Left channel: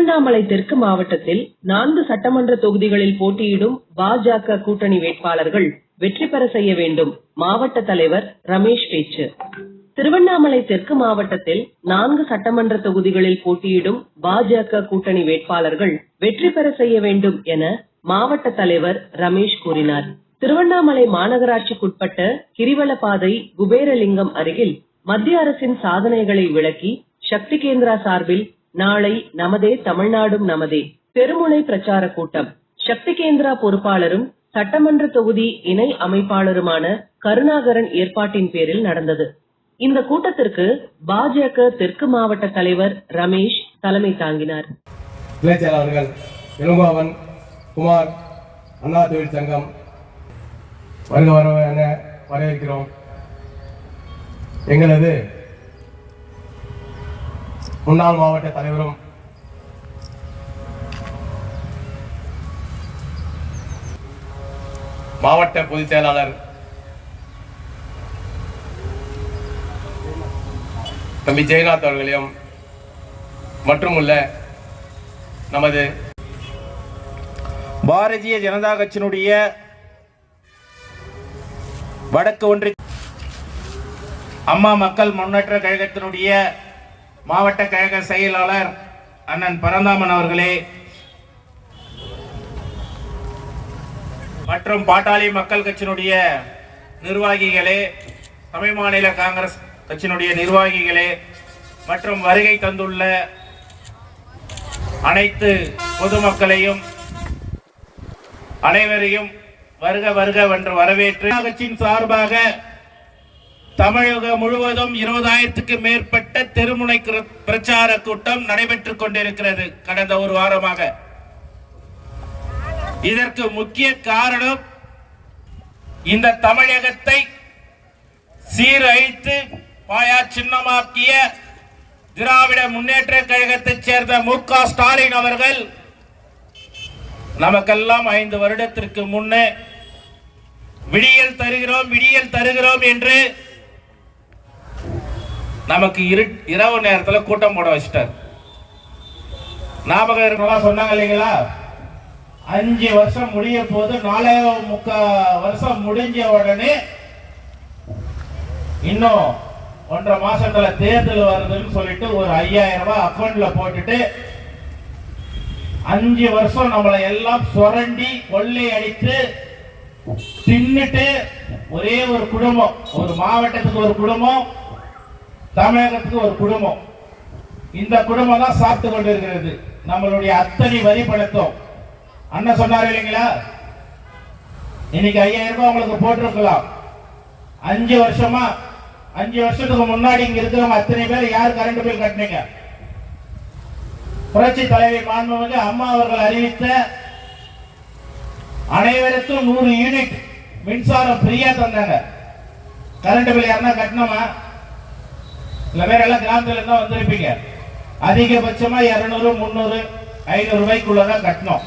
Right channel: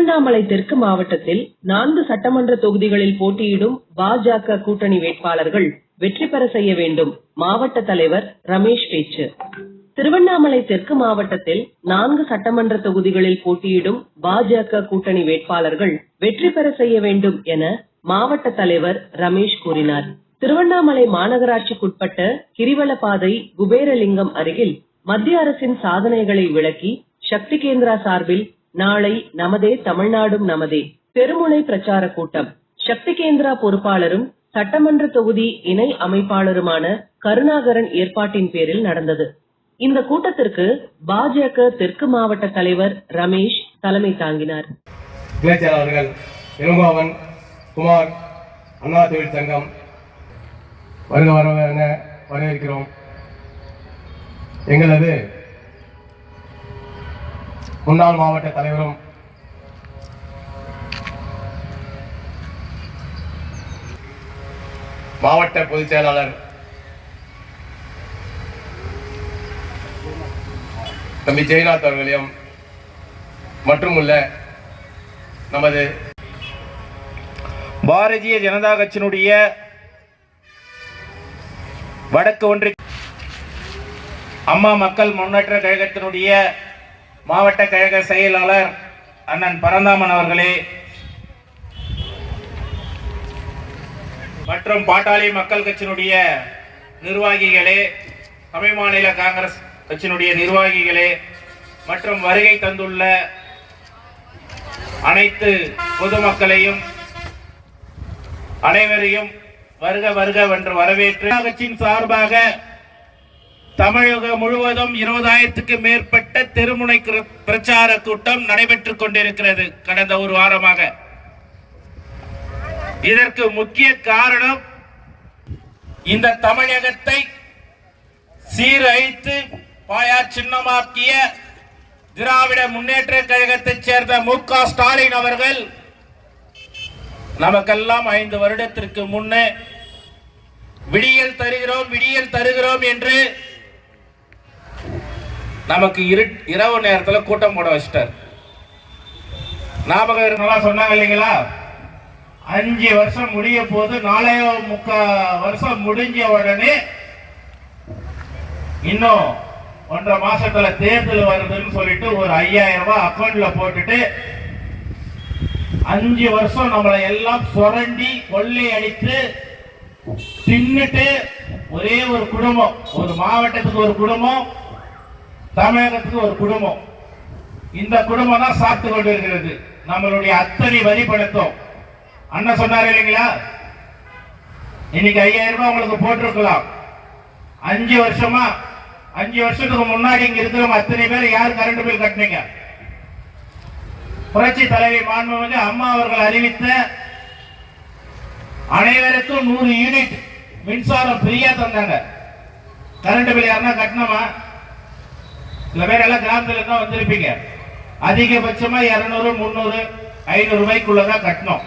திருவண்ணாமலை தெற்கு மாவட்டத்தில் 4 சட்டமன்ற தொகுதிகளில் போட்டியிடும் பாஜக கூட்டணி வேட்பாளர்கள் வெற்றி பெற செய்ய வேண்டும். மாவட்ட தலைவர் ரமேஷ் பேச்சு. திருவண்ணாமலை தெற்கு மாவட்டத்தில் 4 சட்டமன்ற தொகுதிகளில் போட்டியிடும் பாஜக கூட்டணி வேட்பாளர்கள் வெற்றி பெற செய்ய வேண்டும் என மாவட்ட தலைவர் ரமேஷ் கூறினார். திருவண்ணாமலை மாநகராட்சிக்குட்பட்ட கிரிவலப்பாதை குபேரலிங்கம் அருகில் மத்திய அரசின் சாதனைகளை விளக்கி சக்தி கேந்திரா சார்பில் நாளை நமதே தமிழ்நாடும் நமதே தெருமுனை பிரச்சார கூட்டம் சக்தி கேந்திரா பொறுப்பாளரும் சட்டமன்ற தொகுதி இணை அமைப்பாளருமான கருணாகரன் ஏற்பாட்டின் பேரில் நடந்தது. இந்த கூட்டத்திற்கு பாஜக தெற்கு மாவட்ட தலைவர் ரமேஷ் தலைமை தாங்கினார். இளங்கோவன் குமார் அண்ணா தொழில் சங்கம் வரவேற்கிறோம். எங்களது முன்னாள் மாவட்ட தலைவரும் மாவட்ட பொதுச் செயலாளர் தம்பி ஜெயநாத் அவர்களையும் மற்றும் உள்ள நமது பாரதிய ஜனதா கட்சியினுடைய வடக்கு ஒன்றிய அம்மா மக்கள் முன்னேற்ற கழகத்தினுடைய மாவட்ட கழக செயலாளர் அண்ணன் பரந்தாமன் அவர்களே மற்றும் பாட்டாளி மக்கள் கட்சியினுடைய நிர்வாகிகளே, தமிழ் மாநில காங்கிரஸ் கட்சியினுடைய நிர்வாகிகளே மற்றும் வருகை தந்துள்ள அனைத்து பொதுமக்களையும் அனைவரையும் வருக வருக என்று வரவேற்று கட்சியின் சார்பாக தமிழகம் முழுவதும் 20,000க்கு மேற்பட்ட தெருமுனை பிரச்சார கூட்டம் நடைபெற்றுக் கொண்டிருக்கிறது கடந்த ஒரு வாரமாக. இதற்கு முக்கிய காரணம் இந்த தமிழகத்தை சீரழித்து பாயா சின்னமாக்கிய திராவிட முன்னேற்ற கழகத்தைச் சேர்ந்த மு.க. ஸ்டாலின் அவர்கள் நமக்கெல்லாம் 5 வருடத்திற்கு முன்னே விடியல் தருகிறோம் என்று நமக்கு இரவு நேரத்தில் கூட்டம் போட வச்சிட்டார். ஞாபகம் இருக்கலாம் சொன்னாங்க இல்லைங்களா? 5 வருஷம் முடிய போது 4.25 வருஷம் முடிஞ்ச உடனே இன்னும் 1.5 மாசத்துல தேர்தல் வருதுன்னு சொல்லிட்டு ஒரு 5,000 ரூபாய் அக்கௌண்ட்ல போட்டுட்டு 5 வருஷம் நம்மளை எல்லாம் சுரண்டி கொள்ளை அடித்து தின்னுட்டு ஒரே ஒரு குடும்பம், ஒரு மாவட்டத்துக்கு ஒரு குடும்பம், தமிழகத்துக்கு ஒரு குடும்பம், இந்த குடும்பம் தான் சாப்பிட்டு கொண்டிருக்கிறது நம்மளுடைய அத்தனை வரி பணத்தும். அண்ணன் சொன்னார் இல்லைங்களா, இன்னைக்கு 5,000 ரூபாய் உங்களுக்கு போட்டிருக்கலாம். 5 வருஷமா 5 வருஷத்துக்கு முன்னாடி இங்க இருக்கிறவங்க அத்தனை பேர் யார் கரண்ட் பில் கட்டினீங்க? புரட்சி தலைவி மாண்புமிகு அம்மா அவர்கள் அறிவித்த அனைவருக்கும் 100 யூனிட் மின்சாரம் ஃப்ரீயா தந்தாங்க. கரண்ட் பில் யாருன்னா கட்டணுமா? சில பேர் எல்லாம் கிராமத்துல தான் வந்திருப்பீங்க. அதிகபட்சமா 200, 300, 500 ரூபாய்க்குள்ளதான் கட்டணும்.